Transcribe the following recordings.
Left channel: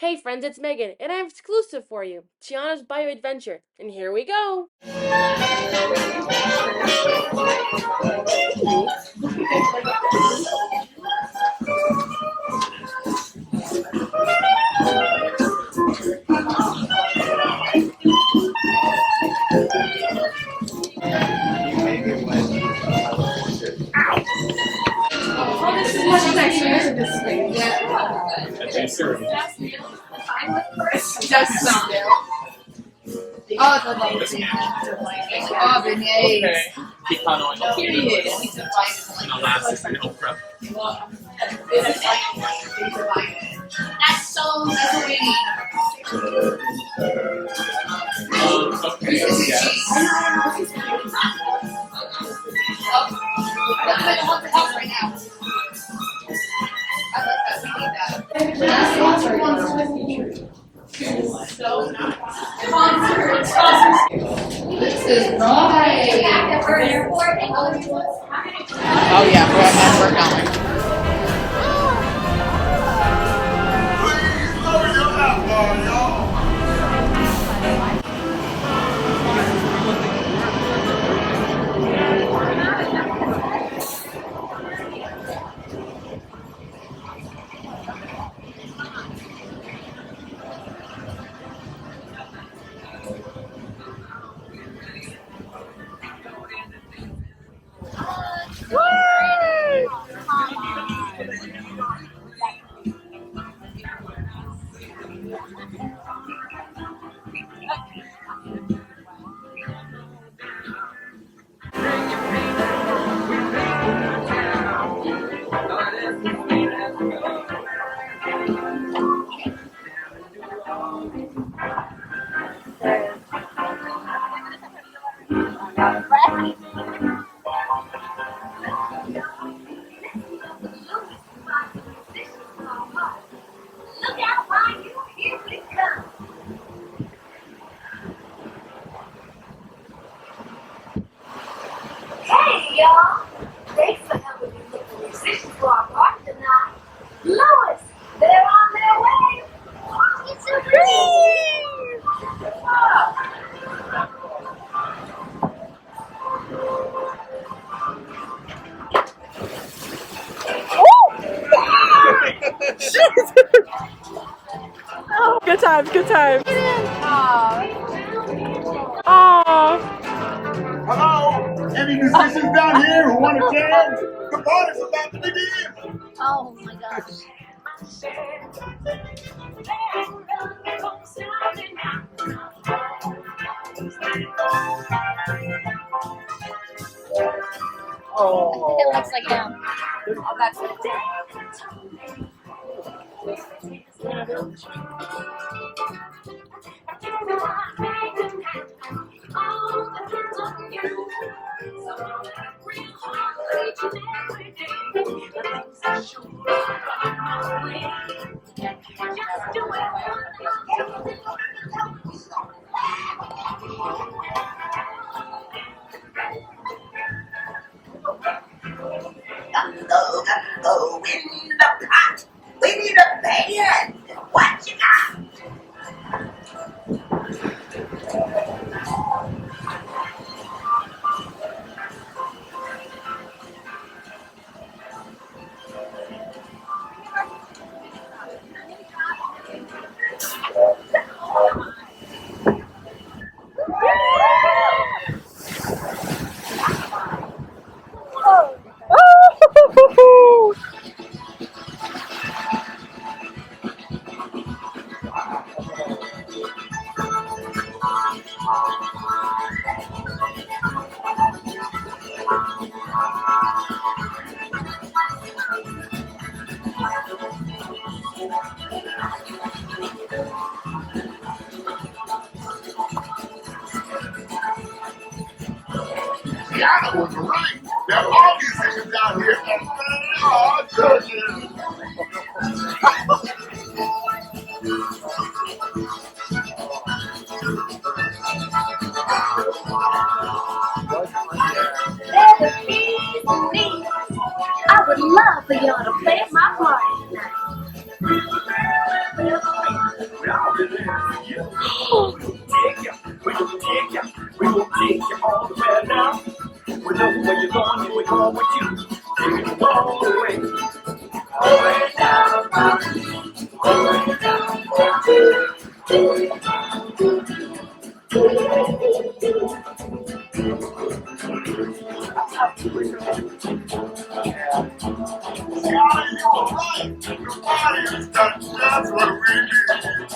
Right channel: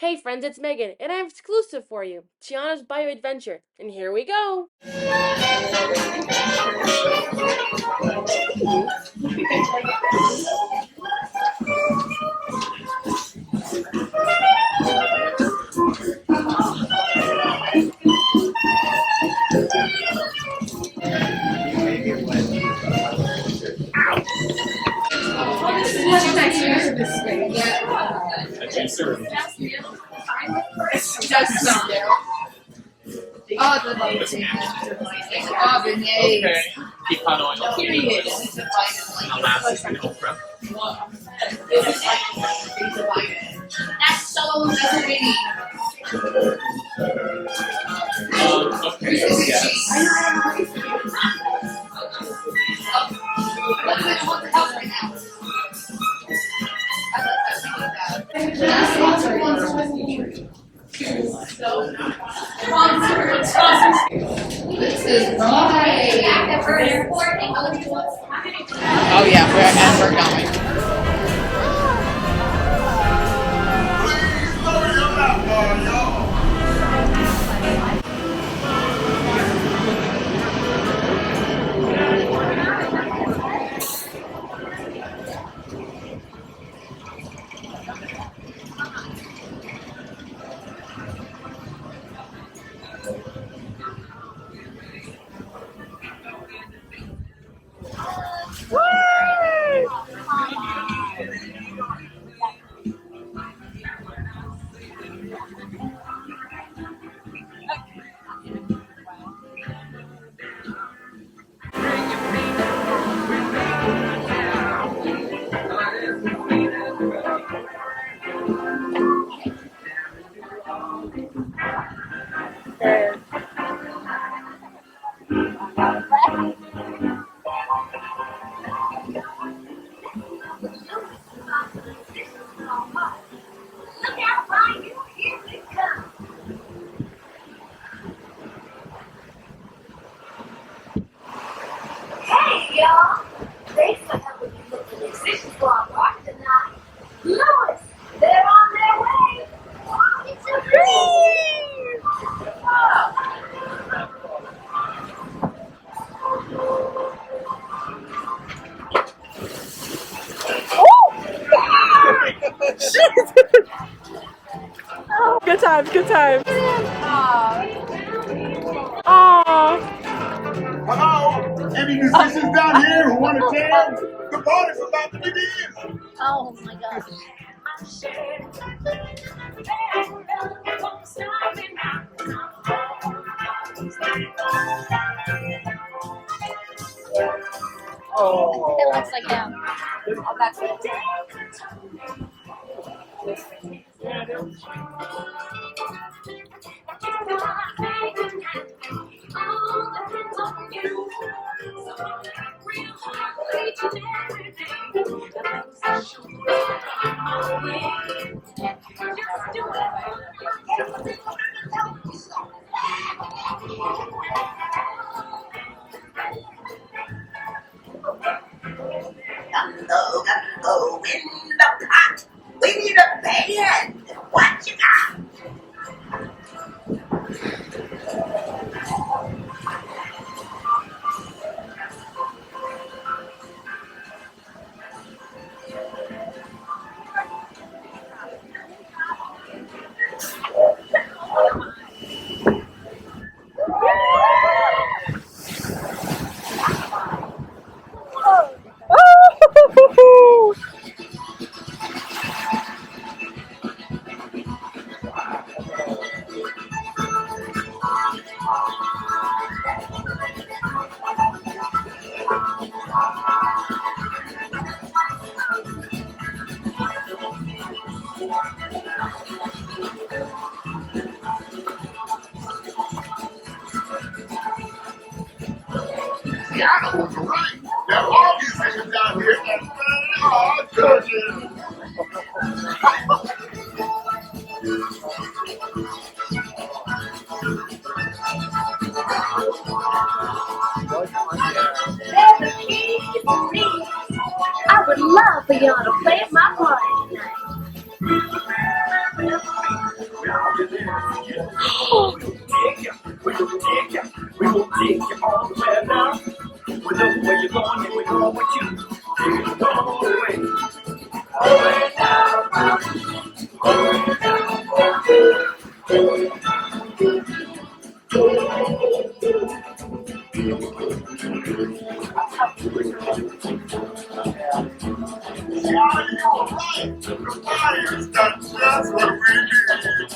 Hey friends, it's Megan, and I have exclusive for you, Tiana's Bayou Adventure, and here we go! Oh, this is much nicer. This is great. A juicer. Just some. Oh, the amazing. Oh, beignets. Okay. Pecan oil. Period. And the last is an okra. That's so winning. Okay, yes. I want the house right now. This is right. Oh yeah, we're going. Hey, y'all! Thanks for helping me look for musicians for our party tonight. Louis, they're on their way. It's a dream! Good times, good times. Aww. Hello? Any musicians down here who want to jam? The party's about to begin. Oh my gosh. Oh. It looks like him. Go in the pot. We need a band. What you got? Tiana was right. There are musicians down here, and they are judges. There's a piece of me. I would love for y'all to play my part tonight. We will take you all the way down. We know where you're going and we're going with you. Take it all the way. All the way down. All the way Yeah, you were right. The fire's got just what we need.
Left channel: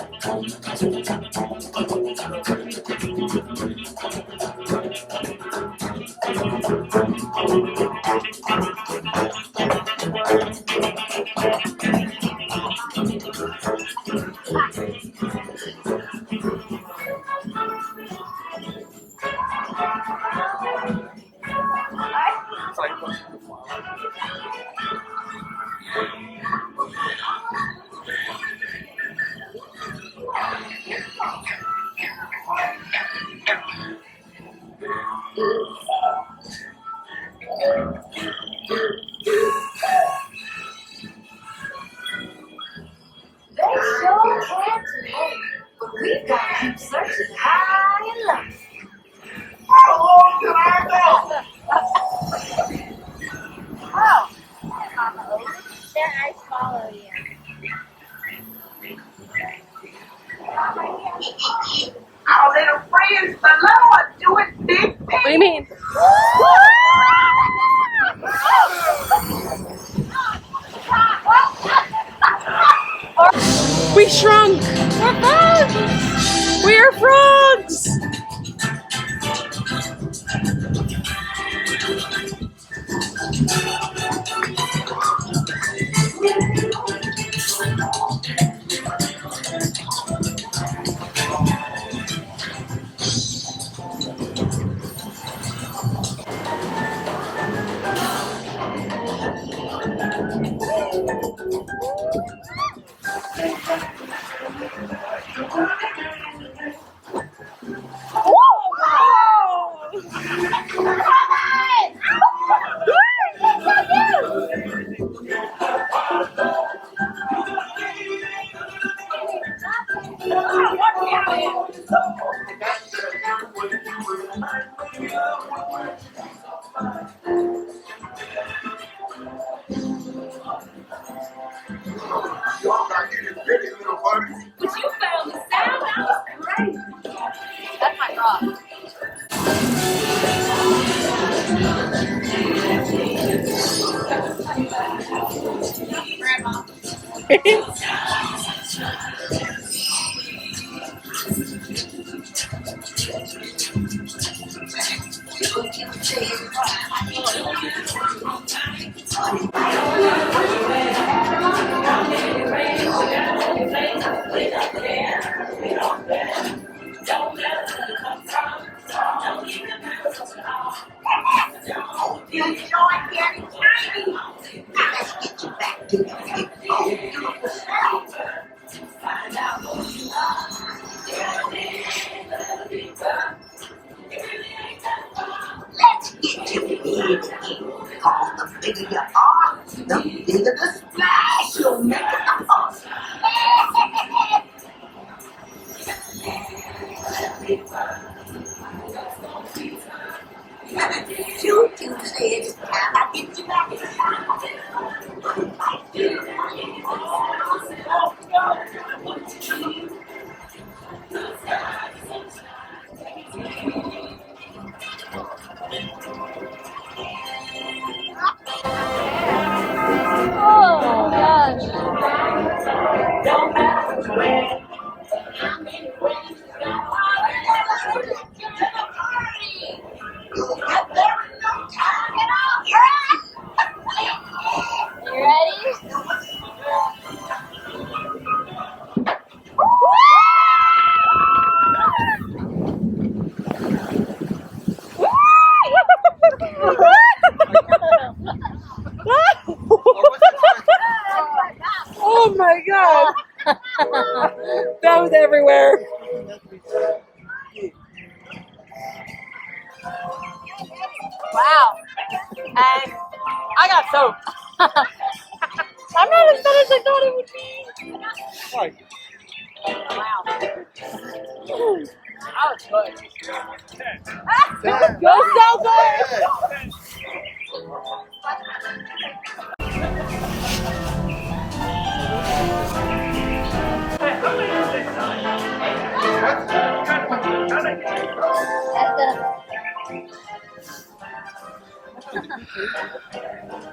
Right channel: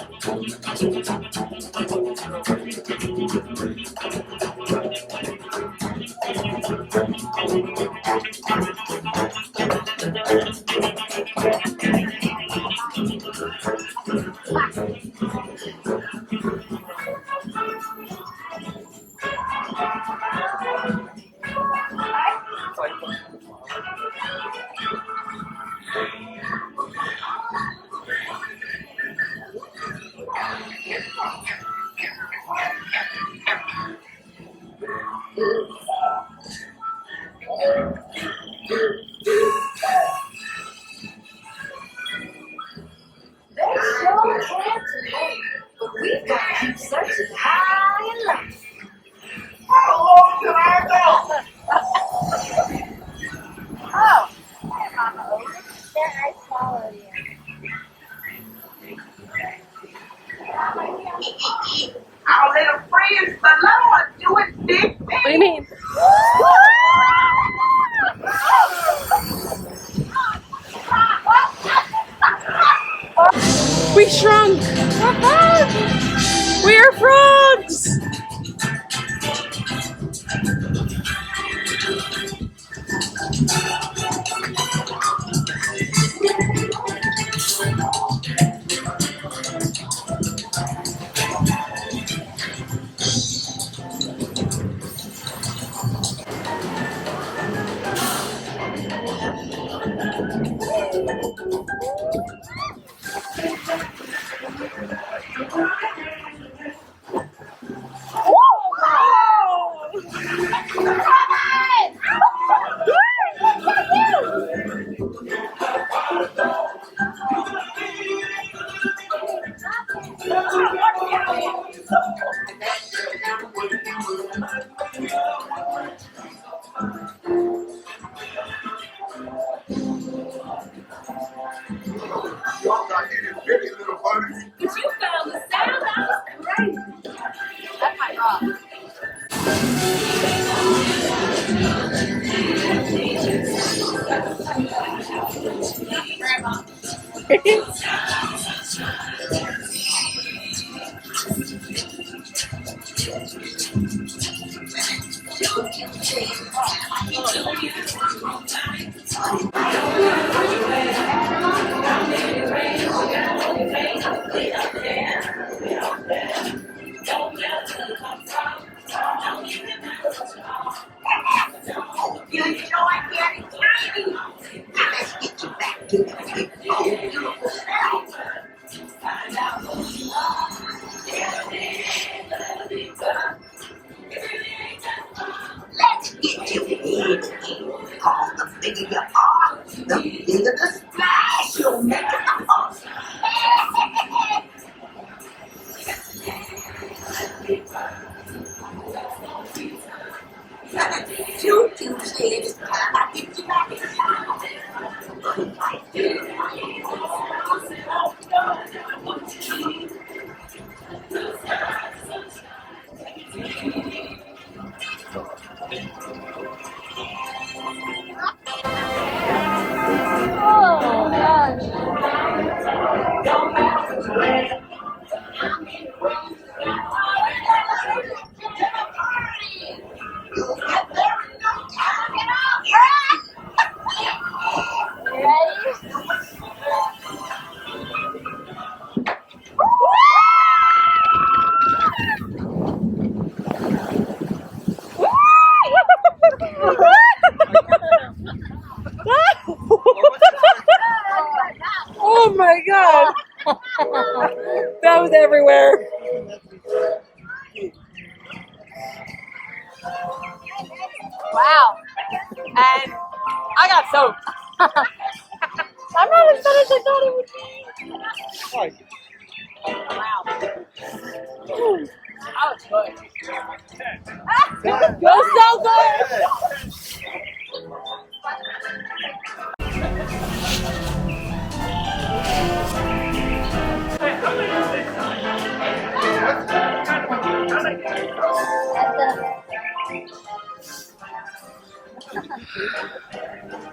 They sure can tonight, but we've got to keep searching high and low. How long can I go? Oh, Mama Otis, they're nice follow you. Our little friends below are doing big things. What do you mean? We shrunk! We are frogs! Y'all got any bitty little buddies? But you found the sound. That was great. That's my dog. Grandma. You enjoy getting tiny. Now let's get you back to your big, old, beautiful self. Let's get you big again. Cause the bigger you are, the bigger the splash you'll make in the house. Choo-choo said it's time I get you back in You'll get there in no time at all. You ready? Oh my god! That was everywhere. Wow. And I got soaked. I'm not as bad as I thought it would be. Wow. Oh, it's good. You're so good.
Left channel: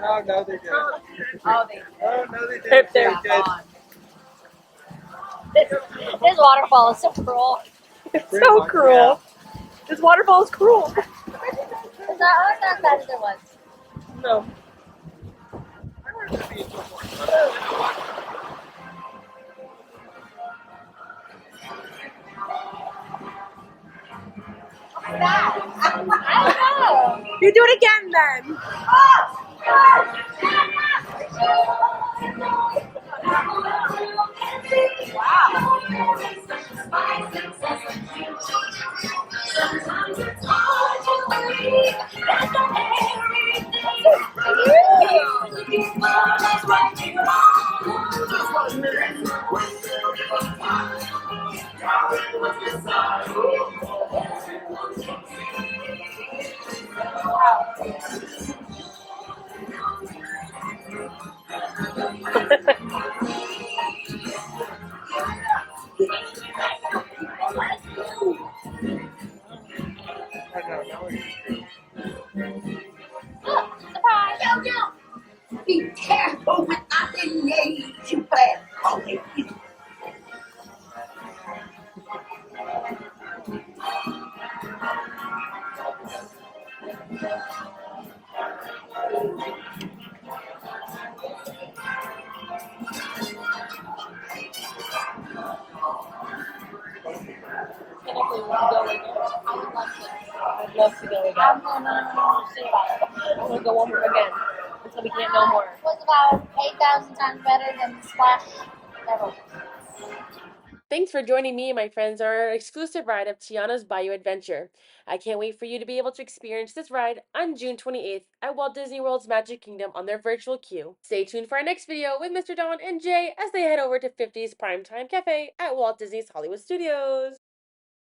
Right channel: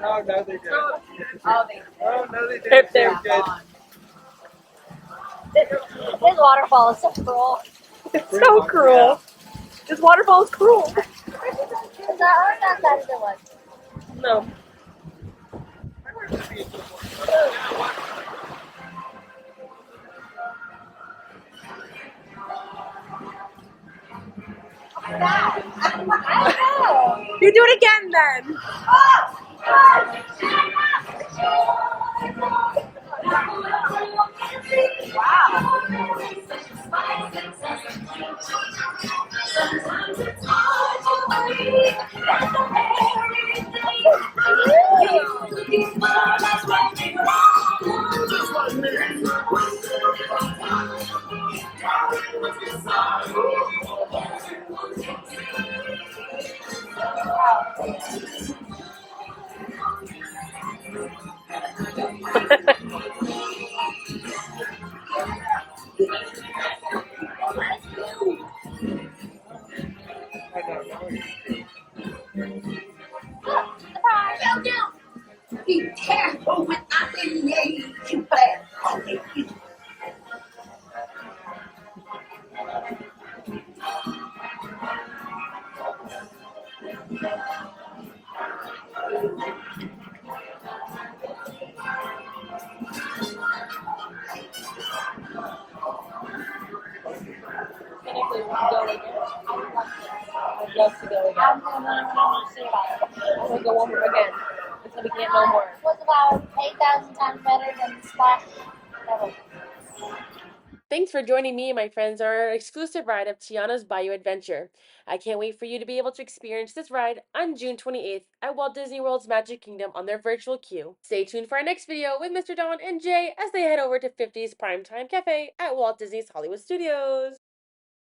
Oh, no, they didn't. Oh, they Oh, no, they didn't. They're Good. This waterfall is so cruel. It's so cruel. This waterfall is cruel. Is that not bad as it was? No. You do it again then. Be careful with the names you play. Technically, we can go again. I'd love to go again. I want to go one more again until we can't no more. It was about 8,000 times better than the splash ever. Thanks for joining me and my friends on our exclusive ride of Tiana's Bayou Adventure. I can't wait for you to be able to experience this ride on June 28th at Walt Disney World's Magic Kingdom on their virtual queue. Stay tuned for our next video with Mr. Don and Jay as they head over to 50's Primetime Cafe at Walt Disney's Hollywood Studios.